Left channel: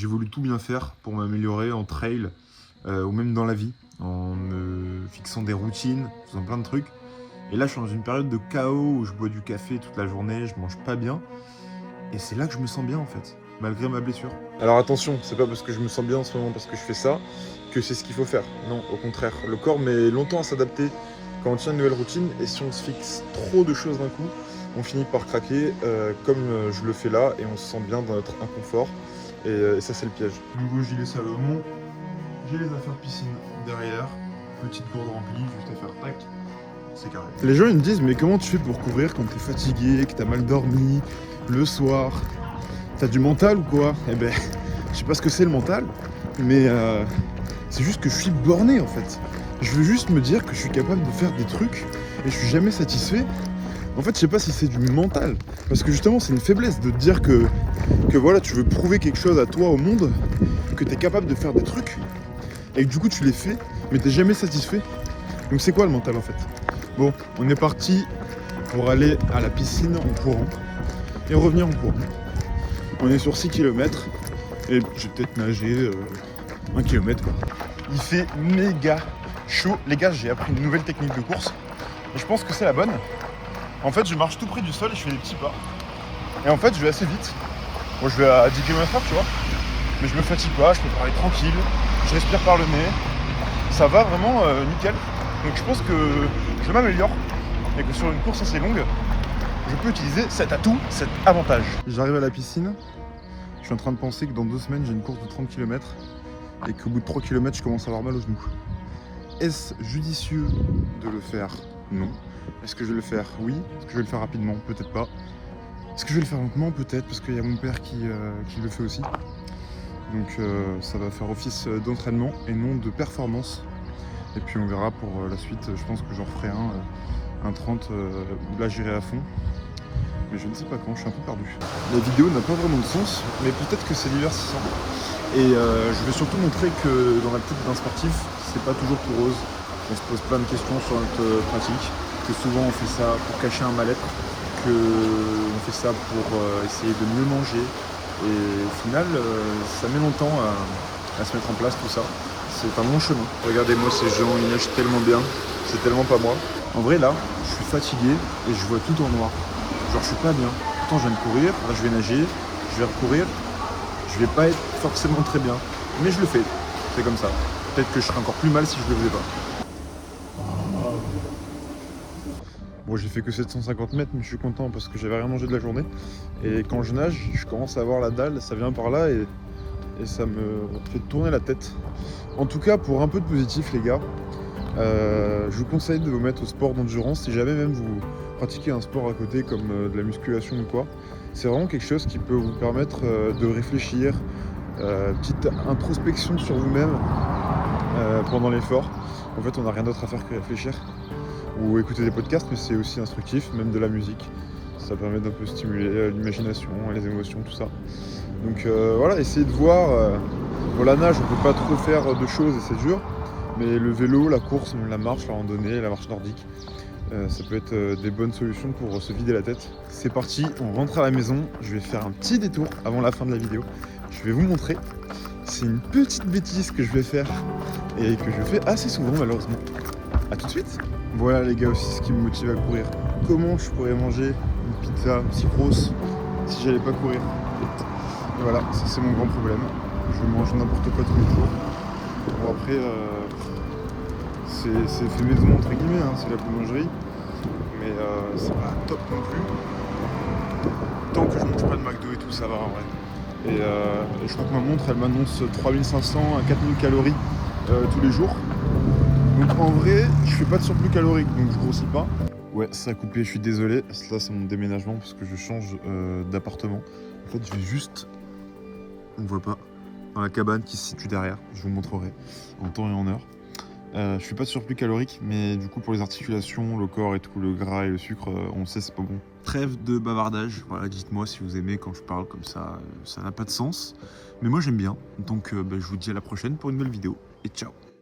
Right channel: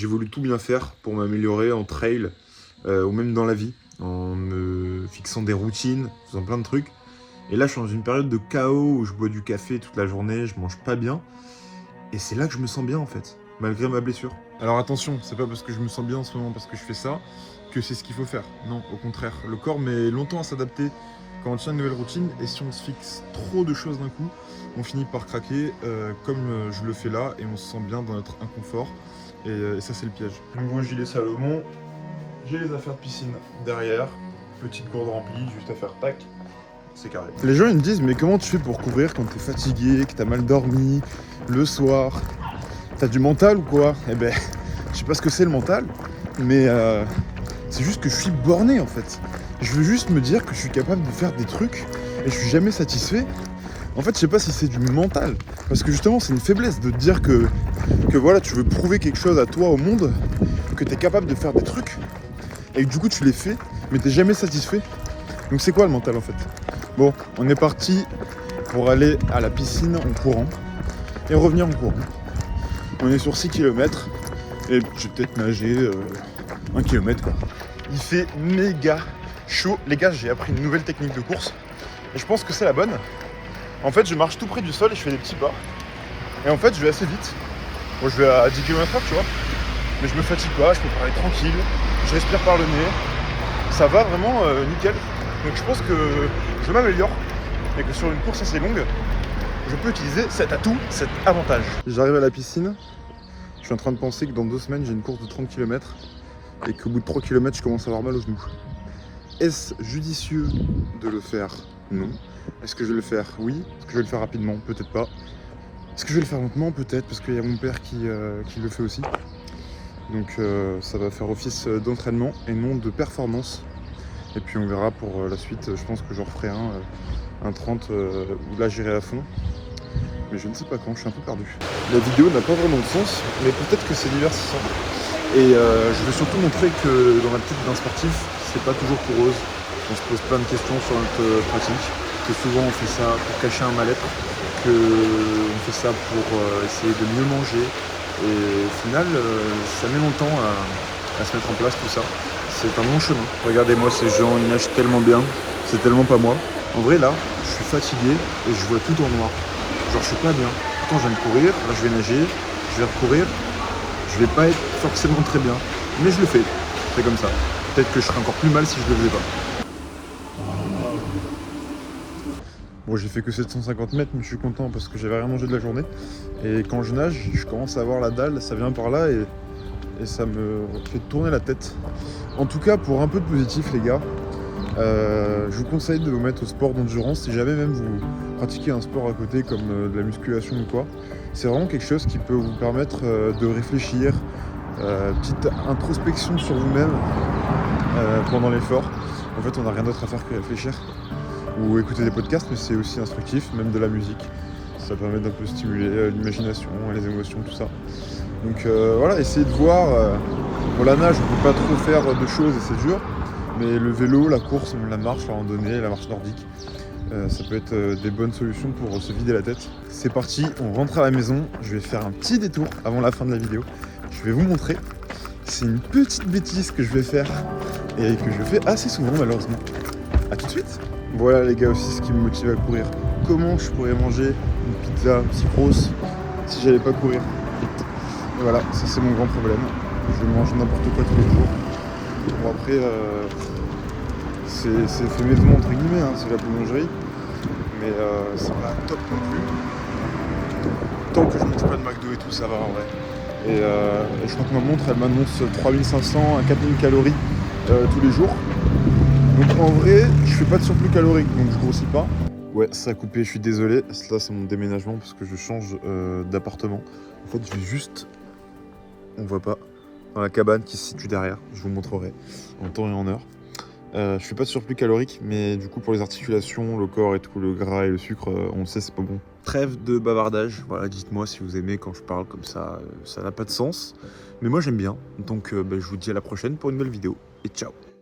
j'ai voulu tout bien faire pour m'améliorer en trail ou même dans la vie, en me fixant des routines, en faisant plein de trucs. Et là, je suis dans une période de chaos où je bois du café toute la journée, je mange pas bien. Et c'est là que je me sens bien en fait, malgré ma blessure. Alors attention, c'est pas parce que je me sens bien en ce moment, parce que je fais ça, que c'est ce qu'il faut faire. Non, au contraire, le corps met longtemps à s'adapter quand on tient une nouvelle routine, et si on se fixe trop de choses d'un coup, on finit par craquer, comme je le fais là, et on se sent bien dans notre inconfort, et ça c'est le piège. Nouveau gilet Salomon, j'ai les affaires de piscine derrière, petite gourde remplie, juste à faire tac, c'est carré. Les gens ils me disent, mais comment tu fais pour courir quand t'es fatigué, que t'as mal dormi, le soir? T'as du mental ou quoi? Eh ben, je sais pas ce que c'est le mental, mais c'est juste que je suis borné en fait. Je veux juste me dire que je suis capable de faire des trucs et je suis jamais satisfait. En fait, je sais pas si c'est du mental, parce que justement, c'est une faiblesse de te dire que voilà, tu veux prouver quelque chose à toi, au monde, que t'es capable de faire des trucs et que du coup tu les fais, mais t'es jamais satisfait. Donc c'est quoi le mental en fait? Bon, on est parti pour aller à la piscine en courant et revenir en courant. On est sur 6 km et je vais peut-être nager 1 km quoi. Il fait méga chaud. Les gars, j'ai appris une nouvelle technique de course et je pense que c'est la bonne. En fait, je marche tout près du sol et je fais des petits pas. Et en fait, je vais assez vite. Moi, je vais à 10 km/h, tu vois. Mais je me fatigue pas, je peux parler tranquille. Je respire par le nez. Ça va vraiment nickel. Donc je pense que je m'améliore et que sur une course assez longue, je peux utiliser cet atout, cet avantage. J'arrive à la piscine. Je suis en train de penser que dans 2 semaines, j'ai une course de 30 km et qu'au bout de 3 km, je commence à avoir mal aux genoux. Est-ce judicieux de le faire? Non. Est-ce que je vais le faire? Oui. Est-ce que je vais le faire rapidement? Peut-être pas. Est-ce que je vais le faire lentement? Peut-être, parce qu'il y a mon père qui le fait aussi. Donc ça va faire office d'entraînement et non de performance. Et puis on verra pour la suite. Je pense que j'en referai un 30 où là j'irai à fond. Mais je ne sais pas quand, je suis un peu perdu. La vidéo n'a pas vraiment de sens, mais peut-être que c'est divertissant. Et je vais surtout montrer que dans la tête d'un sportif, c'est pas toujours tout rose. On se pose plein de questions sur notre pratique, que souvent on fait ça pour cacher un mal-être, qu'on fait ça pour essayer de mieux manger. Et au final, ça met longtemps à se mettre en place tout ça. C'est un long chemin. Regardez-moi ces gens, ils nagent tellement bien, c'est tellement pas moi. En vrai là, je suis fatigué et je vois tout en noir. Genre je suis pas bien. Pourtant je viens de courir, là je vais nager, je vais recourir. Je vais pas être forcément très bien, mais je le fais. C'est comme ça. Peut-être que je serais encore plus mal si je le faisais pas. Bon, j'ai fait que 750 mètres, mais je suis content parce que j'avais rien mangé de la journée. Et quand je nage, je commence à avoir la dalle, ça vient par là et ça me fait tourner la tête. En tout cas, pour un peu de positif, les gars, je vous conseille de vous mettre au sport d'endurance. Si jamais même vous pratiquez un sport à côté comme de la musculation ou quoi, c'est vraiment quelque chose qui peut vous permettre de réfléchir, petite introspection sur vous-même pendant l'effort. En fait, on n'a rien d'autre à faire que réfléchir ou écouter des podcasts, mais c'est aussi instructif, même de la musique. Ça permet d'un peu stimuler l'imagination, les émotions, tout ça. Donc voilà, essayez de voir. Pour la nage, on ne peut pas trop faire de choses et c'est dur. Mais le vélo, la course, la marche, la randonnée, la marche nordique, ça peut être des bonnes solutions pour se vider la tête. C'est parti, on rentre à la maison. Je vais faire un petit détour avant la fin de la vidéo. Je vais vous montrer. C'est une petite bêtise que je vais faire et que je fais assez souvent malheureusement. A tout de suite. Voilà les gars aussi ce qui me motive à courir. Comment je pourrais manger une pizza si grosse si j'allais pas courir? Et voilà, ça c'est mon grand problème. Je mange n'importe quoi tous les jours. Bon après, c'est fait maison entre guillemets, hein, c'est la boulangerie. Mais c'est pas top non plus. Tant que je mange pas de McDo et tout, ça va en vrai. Et je crois que ma montre, elle m'annonce 3500 à 4000 calories tous les jours. Donc en vrai, je fais pas de surplus calorique, donc je grossis pas. Ouais, ça a coupé, je suis désolé. Là, c'est mon déménagement parce que je change d'appartement. En fait, je vais juste, on voit pas, dans la cabane qui se situe derrière. Je vous montrerai en temps et en heure. Je fais pas de surplus calorique, mais du coup, pour les articulations, le corps et tout, le gras et le sucre, on sait c'est pas bon. Trêve de bavardage. Voilà, dites-moi si vous aimez quand je parle comme ça. Ça n'a pas de sens. Mais moi, j'aime bien. Donc, je vous dis à la prochaine pour une nouvelle vidéo. Et ciao!